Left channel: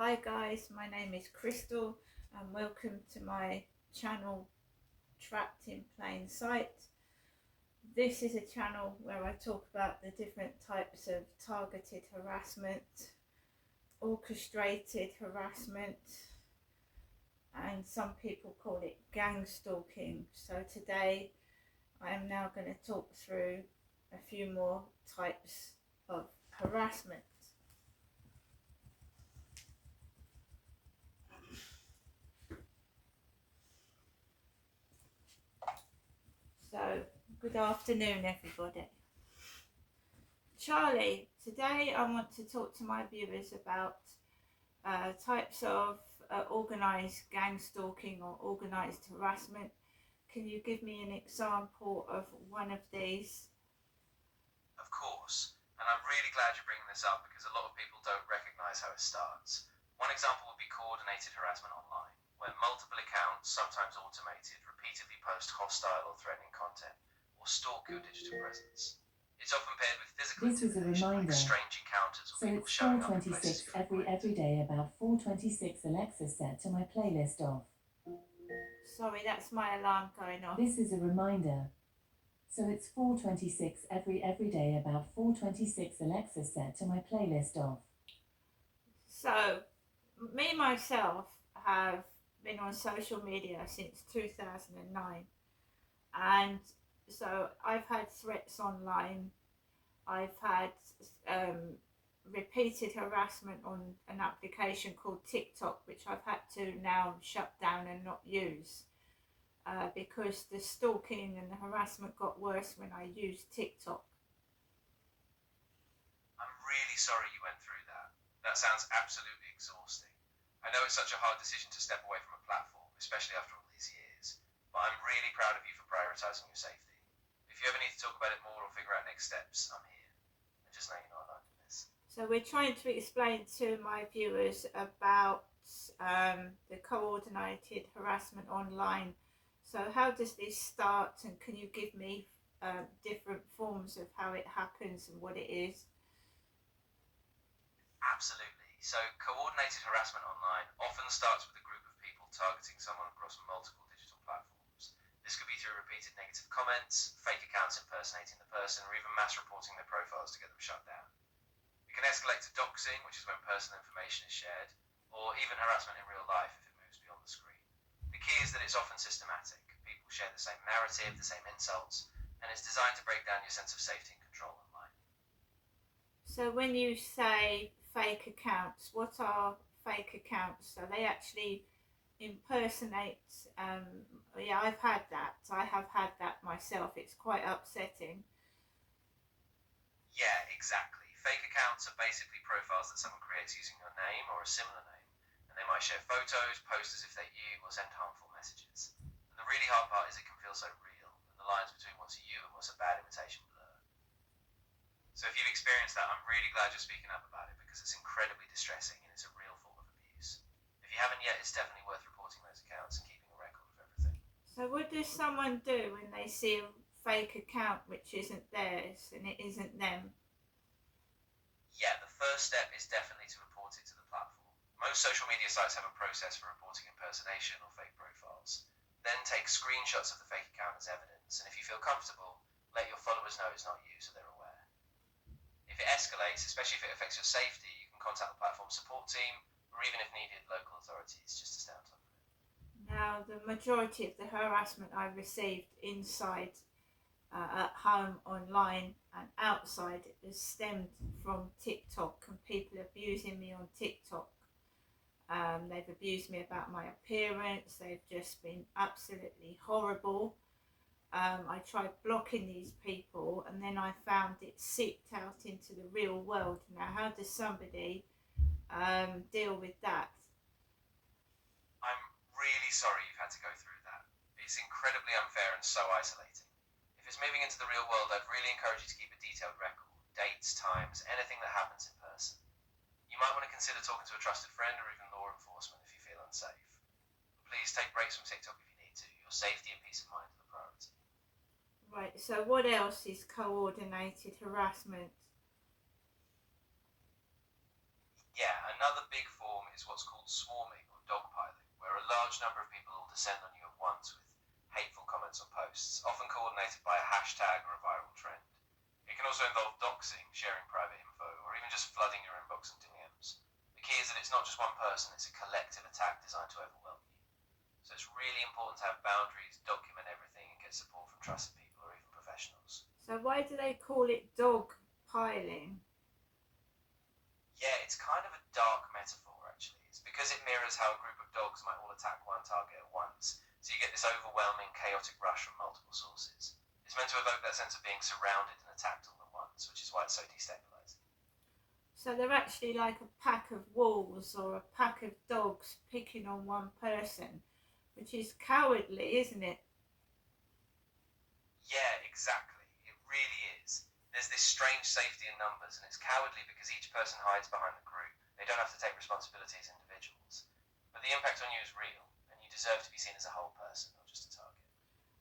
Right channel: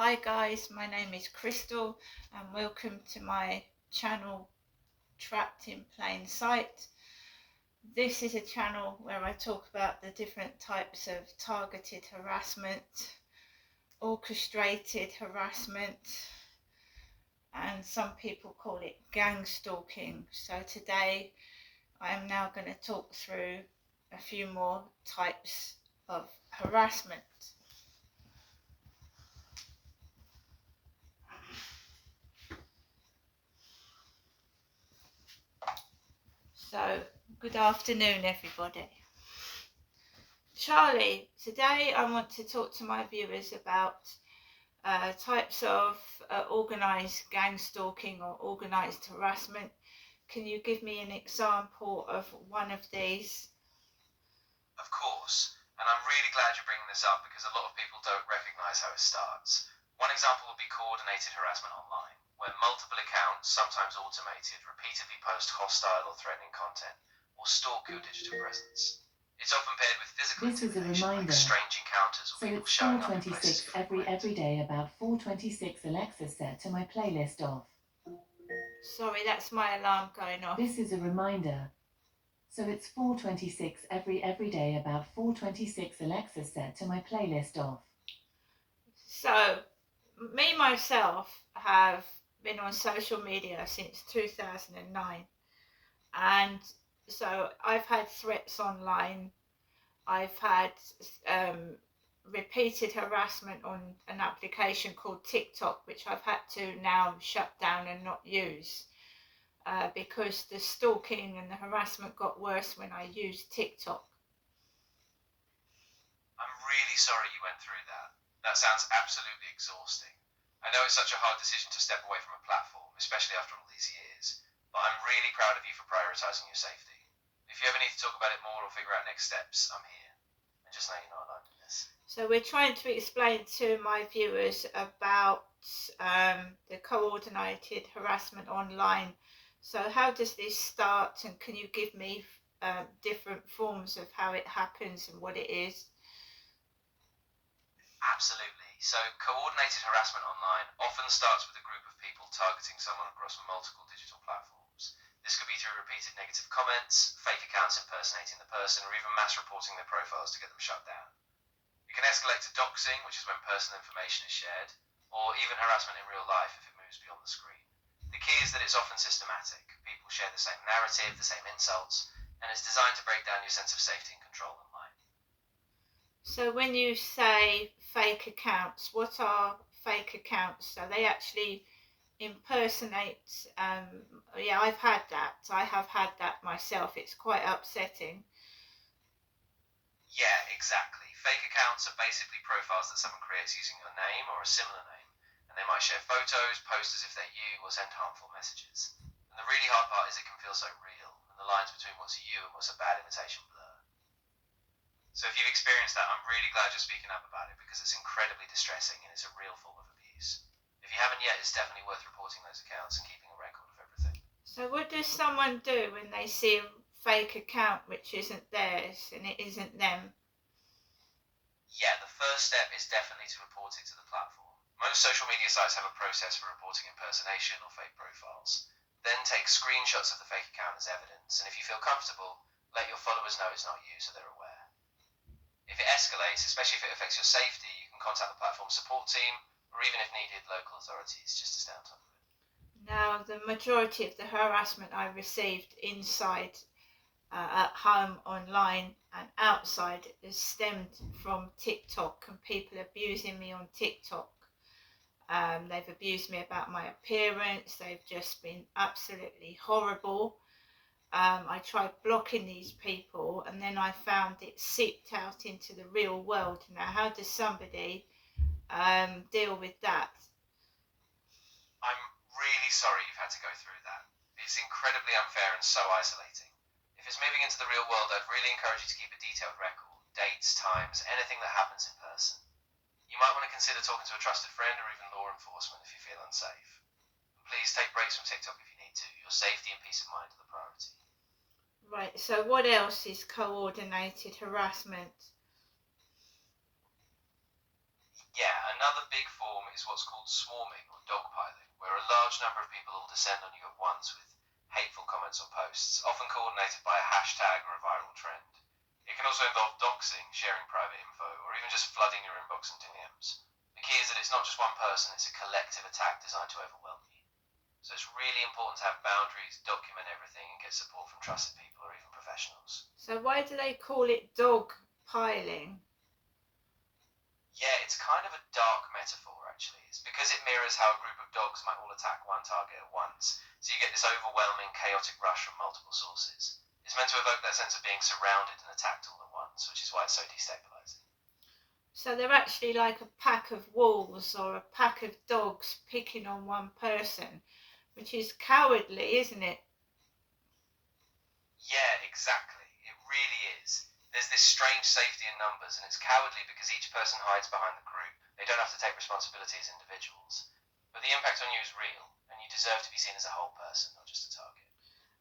Hi guys, my name is Crystal and welcome to my channel Trapped in Plain Sight. This is a channel where I talk about the different types of targeted harassment, orchestrated harassment, and some people call it gang stalking. So today I am now going to talk through a few more types of harassment. So, good afternoon everybody. Charlie, today I want to talk to my viewers about types of organised gang stalking or organised harassment. Can you give me an example of one of these? Of course, and I'm really glad you're bringing this up because a lot of people don't recognise how it starts. One example would be coordinated harassment online, where multiple accounts, sometimes automated, repeatedly post hostile or threatening content or stalk your digital presence. It's often paired with physical intimidation, like strange encounters or people showing up in places you frequent. Every day about 4:26 Alexa set to my playlist off. Sorry, that's my alarm going off. This is a reminder. So it's 4:26 every day about 4:26 Alexa set to my playlist off. So, me myself have been on social media since 2009, and so I've had threats online. I've had repeated harassment on an application called TikTok, which I've had to now shut down and not use because the stalking and the harassment got worse when I used TikTok. I'm really sorry you went through that. That sounds absolutely exhausting. I know it's such a hard decision to step away from a platform, especially after all these years, but I'm really proud of you for prioritising your safety. If you ever need to talk about it more or figure out next steps, I'm here. And just know you're not alone in this. So we're trying to explain to my viewers about the coordinated harassment online. So how does this start, and can you give me different forms of how it happens and what it is? Absolutely. So, coordinated harassment online often starts with a group of people targeting someone across multiple digital platforms. This could be through repeated negative comments, fake accounts impersonating the person, or even mass reporting their profiles to get them shut down. It can escalate to doxing, which is when personal information is shared, or even harassment in real life if it moves beyond the screen. The key is that it's often systematic. People share the same narrative, the same insults, and it's designed to break down your sense of safety and control online. So when you say fake accounts, what are fake accounts? So they actually impersonate, yeah, I've had that. I have had that myself. It's quite upsetting. Yeah, exactly. Fake accounts are basically profiles that someone creates using your name or a similar name, and they might share photos, post as if they're you, or send harmful messages. And the really hard part is it can feel so real, and the lines between what's you and what's a bad imitation blur. So if you've experienced that, I'm really glad you're speaking up about it because it's incredibly distressing and it's a real form of abuse. If you haven't yet, it's definitely worth reporting those accounts and keeping a record of everything. So what does someone do when they see a fake account which isn't theirs and it isn't them? Yeah, the first step is definitely to report it to the platform. Most social media sites have a process for reporting impersonation or fake profiles. Then take screenshots of the fake account as evidence, and if you feel comfortable, let your followers know it's not you so they're aware. If it escalates, especially if it affects your safety, you can contact the platform support team, or even if needed, local authorities, just to stay on top of it. Now, the majority of the harassment I received inside, at home, online and outside has stemmed from TikTok and people abusing me on TikTok. They've abused me about my appearance. They've just been absolutely horrible. I tried blocking these people and then I found it seeped out into the real world. Now, how does somebody deal with that? I'm really sorry you've had to go through that. It's incredibly unfair and so isolating. If it's moving into the real world, I'd really encourage you to keep a detailed record, dates, times, anything that happens in person. You might want to consider talking to a trusted friend or even law enforcement if you feel unsafe. Please take breaks from TikTok if you need to. Your safety and peace of mind are the priority. Right, so what else is coordinated harassment? Yeah, another big form is what's called swarming or dogpiling, where a large number of people all descend on you at once with hateful comments or posts, often coordinated by a hashtag or a viral trend. It can also involve doxing, sharing private info, or even just flooding your inbox and DMs. The key is that it's not just one person, it's a collective attack designed to overwhelm you. So it's really important to have boundaries, document everything, and get support from trusted people or even professionals. So why do they call it dog piling? Yeah, it's kind of a dark metaphor actually. It's because it mirrors how a group of dogs might all attack one target at once. So you get this overwhelming, chaotic rush from multiple sources. It's meant to evoke that sense of being surrounded and attacked all at once, which is why it's so destabilizing. So they're actually like a pack of wolves or a pack of dogs picking on one person, which is cowardly, isn't it? Yeah, exactly. It really is. There's this strange safety in numbers, and it's cowardly because each person hides behind the group. They don't have to take responsibility as individuals. But the impact on you is real, and you deserve to be seen as a whole person, not just a target.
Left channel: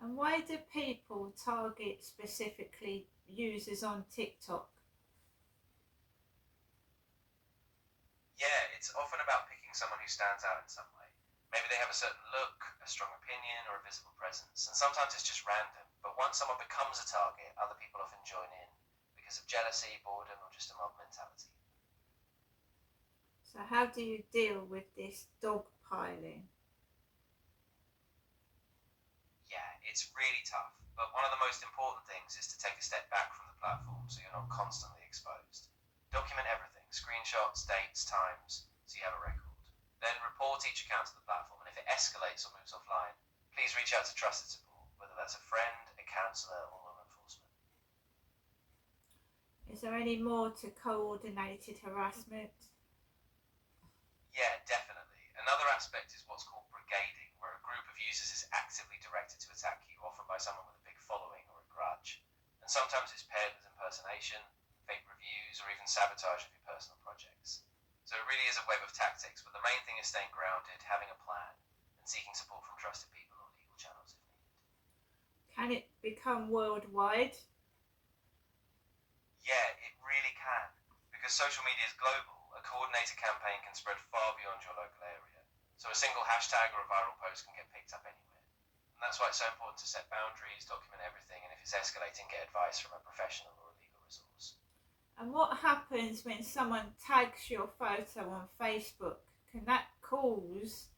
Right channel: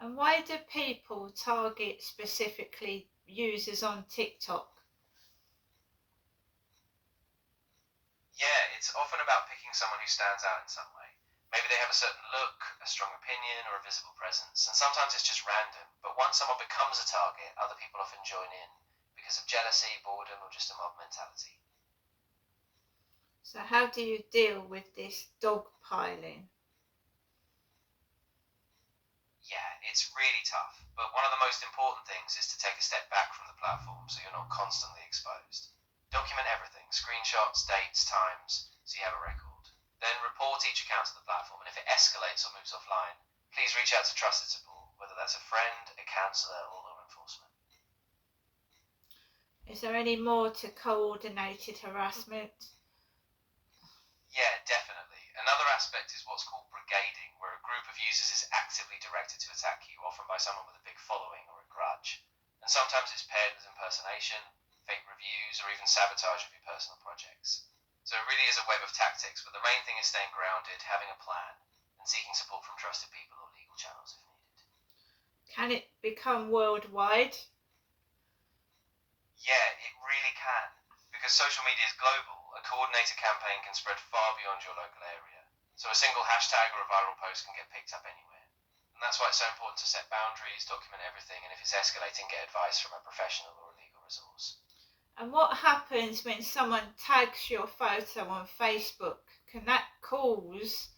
And why do people target specifically users on TikTok? Yeah, it's often about picking someone who stands out in some way. Maybe they have a certain look, a strong opinion, or a visible presence, and sometimes it's just random. But once someone becomes a target, other people often join in because of jealousy, boredom, or just a mob mentality. So how do you deal with this dog piling? Yeah, it's really tough. But one of the most important things is to take a step back from the platform so you're not constantly exposed. Document everything, screenshots, dates, times, so you have a record. Then report each account to the platform, and if it escalates or moves offline, please reach out to trusted support, whether that's a friend, a counsellor, or law enforcement. Is there any more to coordinated harassment? Yeah, definitely. Another aspect is what's called brigading, where a group of users is actively directed to attack you, often by someone with a big following or a grudge. And sometimes it's paired with impersonation, fake reviews, or even sabotage of your personal projects. So it really is a web of tactics, but the main thing is staying grounded, having a plan, and seeking support from trusted people or legal channels if needed. Can it become worldwide? Yeah, it really can. Because social media is global, a coordinated campaign can spread far beyond your local area. So a single hashtag or a viral post can get picked up anywhere. And that's why it's so important to set boundaries, document everything, and if it's escalating, get advice from a professional or a legal resource. And what happens when someone tags your photo on Facebook? Can that cause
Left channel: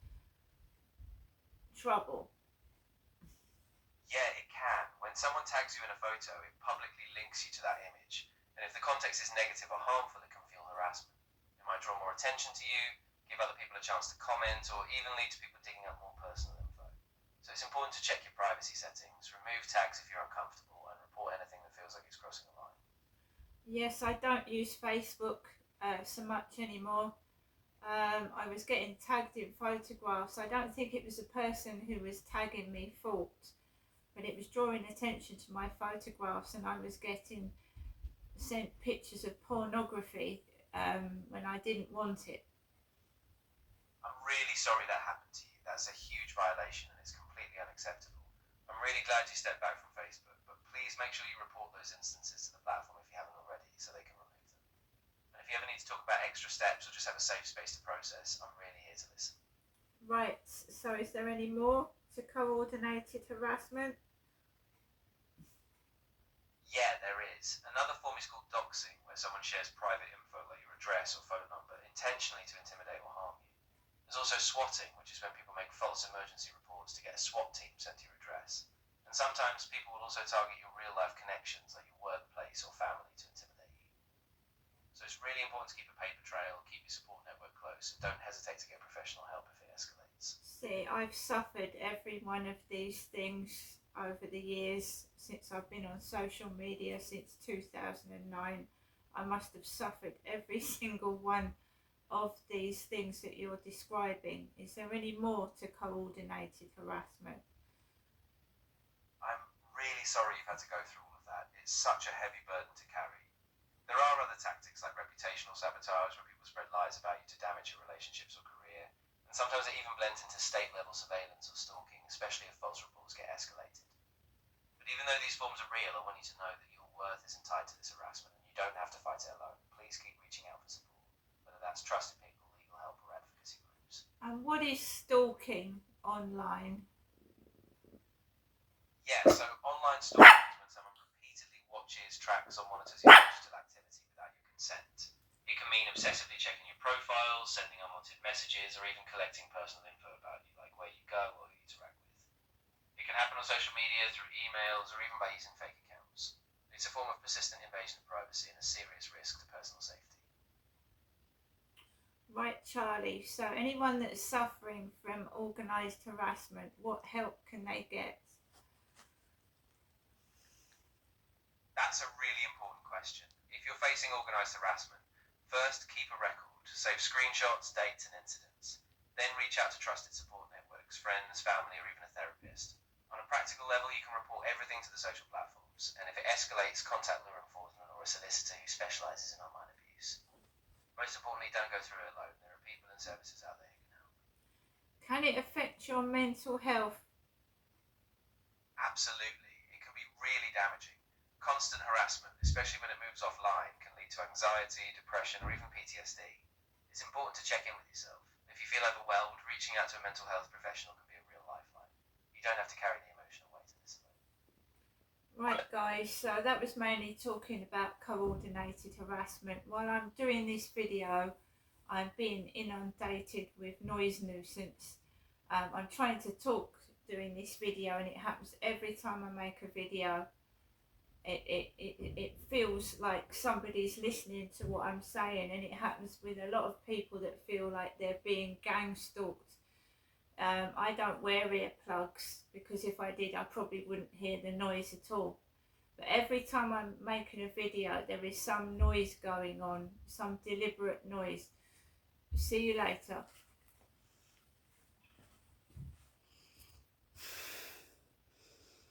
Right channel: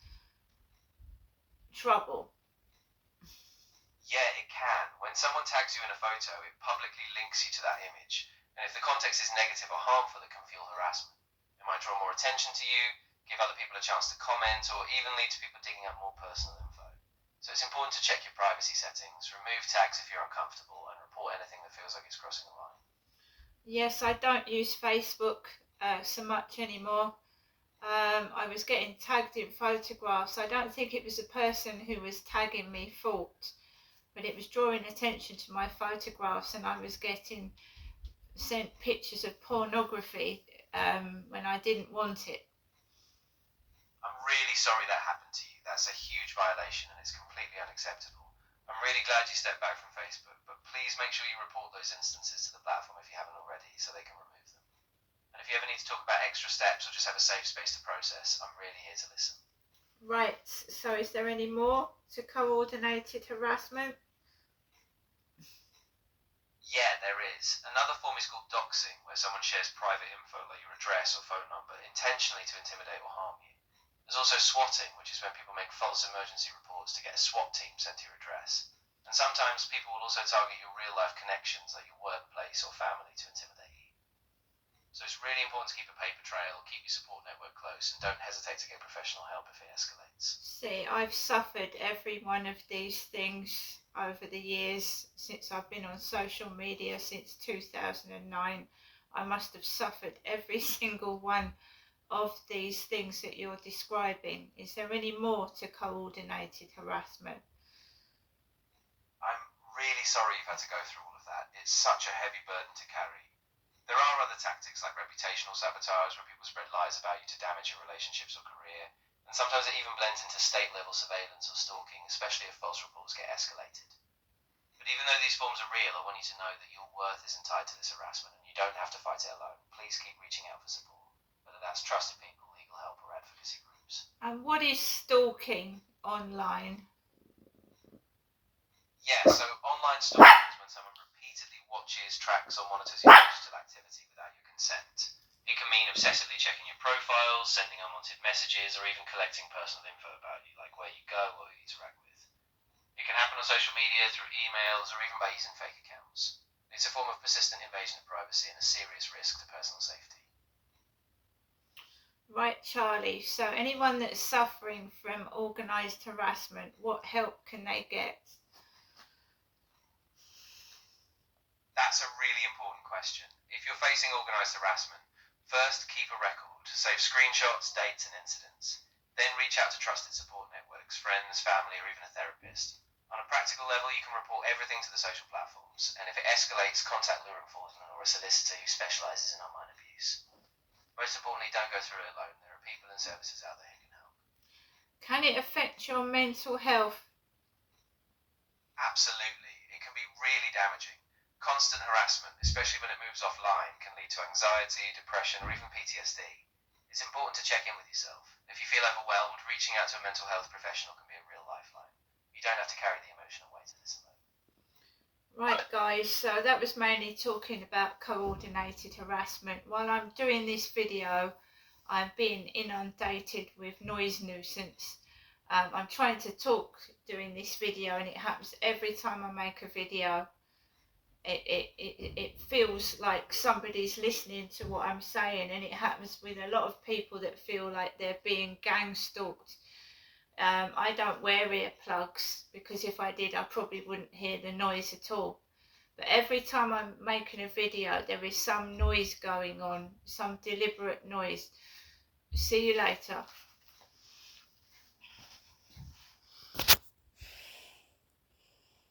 trouble? Yeah, it can. When someone tags you in a photo, it publicly links you to that image. And if the context is negative or harmful, it can fuel harassment. It might draw more attention to you, give other people a chance to comment, or even lead to people digging up more personal info. So it's important to check your privacy settings, remove tags if you're uncomfortable, and report anything that feels like it's crossing a line. Yes, I don't use Facebook so much anymore. I was getting tagged in photographs. I don't think it was the person who was tagging me fault, but it was drawing attention to my photographs, and I was getting sent pictures of pornography when I didn't want it. I'm really sorry that happened to you. That's a huge violation and it's completely unacceptable. I'm really glad you stepped back from Facebook, but please make sure you report those instances to the platform if you haven't already so they can remove them. And if you ever need to talk about extra steps or just have a safe space to process, I'm really here to listen. Right, so is there any more to coordinated harassment? Yeah, there is. Another form is called doxing, where someone shares private info like your address or phone number intentionally to intimidate or harm you. There's also swatting, which is when people make false emergency reports to get a SWAT team sent to your address. And sometimes people will also target your real life connections like your workplace or family to intimidate you. So it's really important to keep a paper trail, keep your support network close, and don't hesitate to get professional help if it escalates. See, I've suffered every one of these things over the years since I've been on social media since 2009. I must have suffered every single one of these things that you're describing. Is there any more to coordinated harassment? I'm really sorry you've had to go through all of that. It's such a heavy burden to carry. There are other tactics like reputational sabotage, where people spread lies about you to damage your relationships or career, and sometimes it even blends into state-level surveillance or stalking, especially if false reports get escalated. But even though these forms are real, I want you to know that your worth isn't tied to this harassment, and you don't have to fight it alone. Please keep reaching out for support. But whether that's trusted people, legal help, or advocacy groups. And what is stalking online? Yeah, so online stalking is when someone repeatedly watches, tracks, or monitors your digital activity without your consent. It can mean obsessively checking your profiles, sending unwanted messages, or even collecting personal info about you, like where you go or who you interact with. It can happen on social media, through emails, or even by using fake accounts. It's a form of persistent invasion of privacy and a serious risk to personal safety. Right, Charlie. So anyone that's suffering from organised harassment, what help can they get? That's a really important question. If you're facing organised harassment, first keep a record, save screenshots, dates and incidents. Then reach out to trusted support networks, friends, family or even a therapist. On a practical level, you can report everything to the social platforms, and if it escalates, contact law enforcement or a solicitor who specialises in online abuse. Most importantly, don't go through it alone. There are people and services out there who can help. Can it affect your mental health? Absolutely. It can be really damaging. Constant harassment, especially when it moves offline, can lead to anxiety, depression, or even PTSD. It's important to check in with yourself. If you feel overwhelmed, reaching out to a mental health professional can be a real lifeline. You don't have to carry the emotional weight of this alone. Right, guys, so that was mainly talking about coordinated harassment. While I'm doing this video, I'm being inundated with noise nuisance. I'm trying to talk doing this video, and it happens every time I make a video. It feels like somebody's listening to what I'm saying, and it happens with a lot of people that feel like they're being gang stalked. I don't wear earplugs because if I did I probably wouldn't hear the noise at all, but every time I'm making a video there is some noise going on, some deliberate noise. See you later.